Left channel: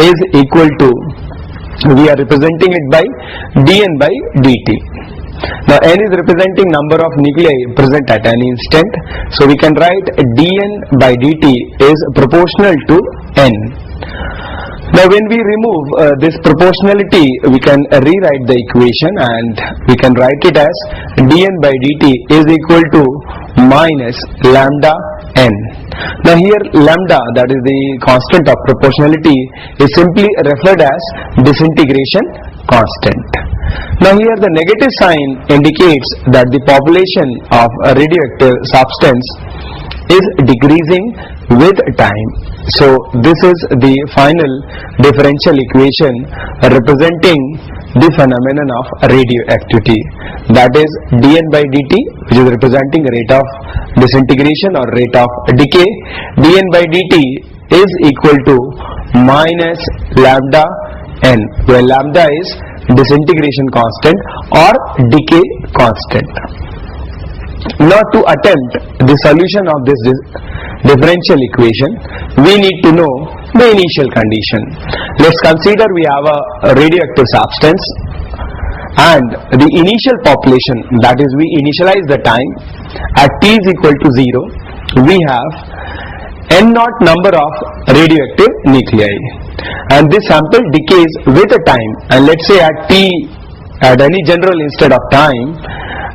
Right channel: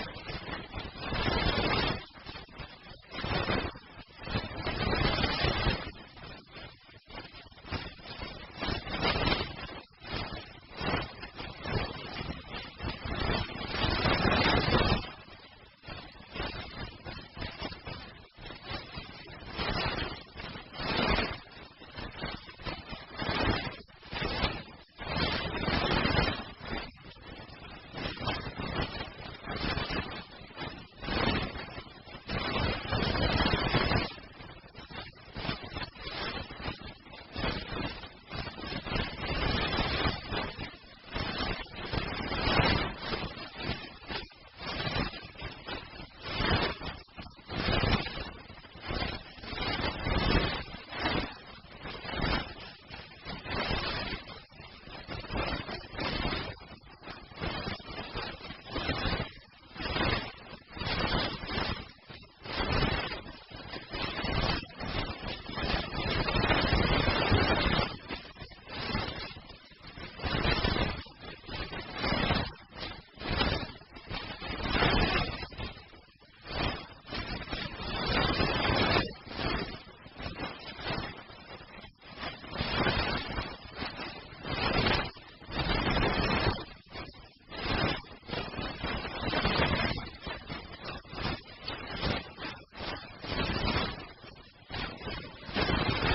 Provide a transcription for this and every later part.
is equal to, we are representing it by dN by dt. Now n is representing number of nuclei present at any instant, so we can write dN by dt is proportional to n. Now when we remove this proportionality, we can rewrite the equation and we can write it as dN by dt is equal to minus lambda n. Now here lambda, that is the constant of proportionality, is simply referred as disintegration constant. Now here the negative sign indicates that the population of a radioactive substance is decreasing with time. So this is the final differential equation representing the phenomenon of radioactivity, that is dN by dt, which is representing rate of disintegration or rate of decay. dN by dt is equal to minus lambda n, where lambda is disintegration constant or decay constant. Now to attempt the solution of this differential equation, we need to know the initial condition. Let's consider we have a radioactive substance and the initial population, that is we initialize the time at t is equal to 0, we have n naught number of radioactive nuclei, and this sample decays with a time, and let's say at t, at any general instant of time,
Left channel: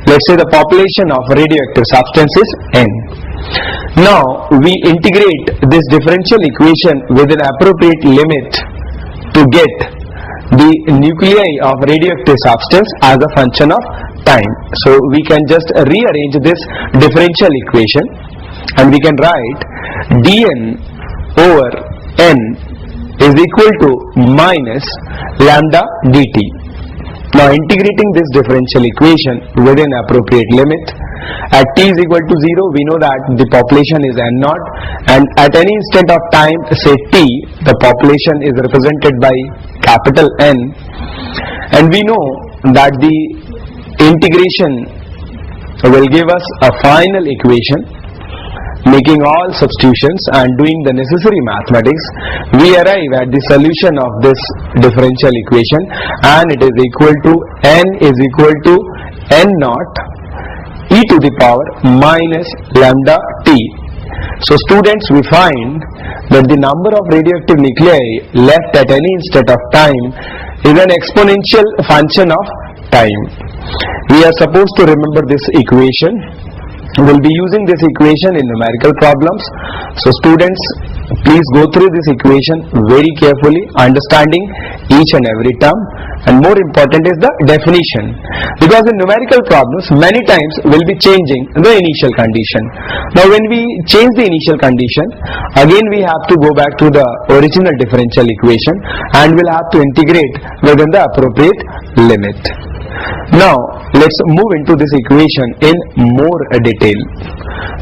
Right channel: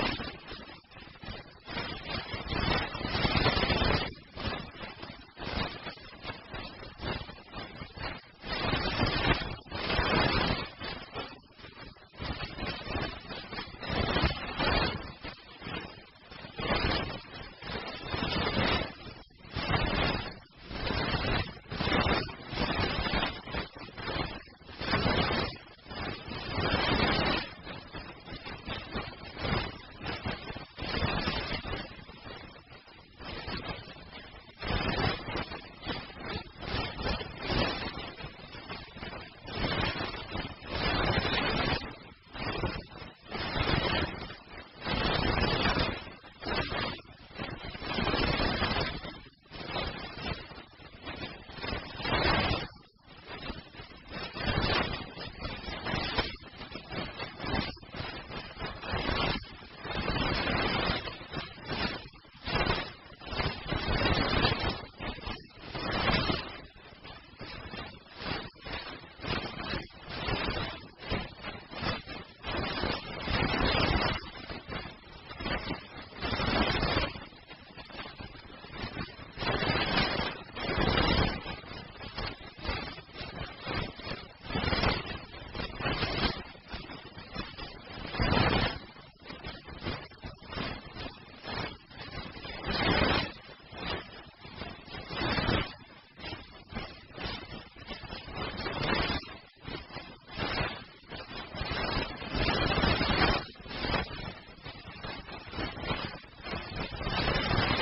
let's say the population of radioactive substance is n. Now we integrate this differential equation with an appropriate limit to get the nuclei of radioactive substance as a function of time. So we can just rearrange this differential equation and we can write dN over n is equal to minus lambda dt. Now integrating this differential equation within appropriate limit, at t is equal to 0, we know that the population is n naught, and at any instant of time, say t, the population is represented by capital N, and we know that the integration will give us a final equation. Making all substitutions and doing the necessary mathematics, we arrive at the solution of this differential equation, and it is equal to n is equal to n naught e to the power minus lambda t. So students, we find that the number of radioactive nuclei left at any instant of time is an exponential function of time. We are supposed to remember this equation. We will be using this equation in numerical problems. So students, please go through this equation very carefully, understanding each and every term, and more important is the definition, because in numerical problems many times we will be changing the initial condition. Now when we change the initial condition, again we have to go back to the original differential equation and we'll have to integrate within the appropriate limit. Now let's move into this equation in more detail.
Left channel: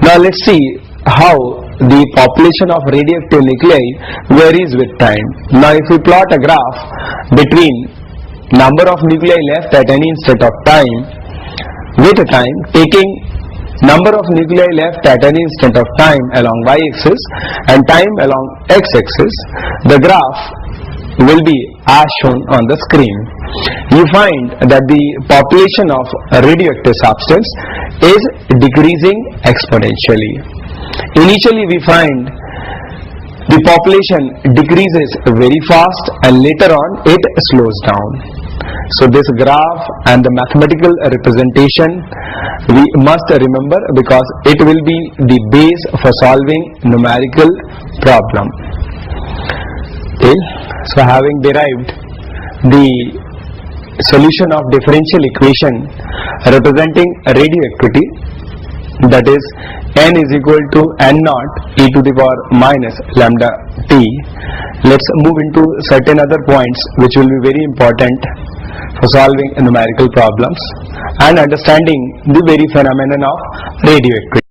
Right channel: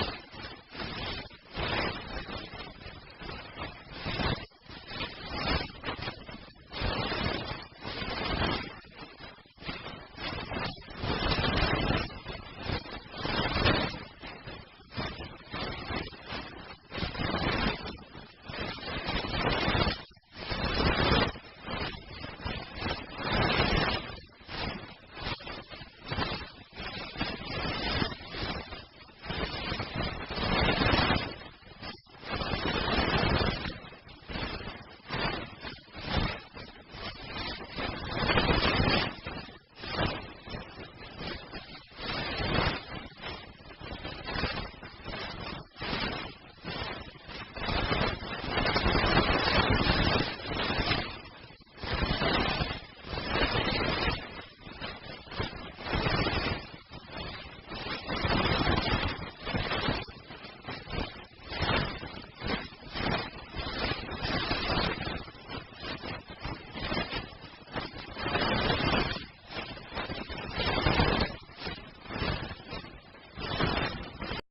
Now let's see how the population of radioactive nuclei varies with time. Now if we plot a graph between number of nuclei left at any instant of time with a time, taking number of nuclei left at any instant of time along y-axis and time along x-axis, the graph will be as shown on the screen. You find that the population of a radioactive substance is decreasing exponentially. Initially we find the population decreases very fast and later on it slows down. So this graph and the mathematical representation we must remember, because it will be the base for solving numerical problem. Okay. So having derived the solution of differential equation representing radioactivity, that is n is equal to n naught e to the power minus lambda t, let's move into certain other points which will be very important for solving numerical problems and understanding the very phenomenon of radioactivity.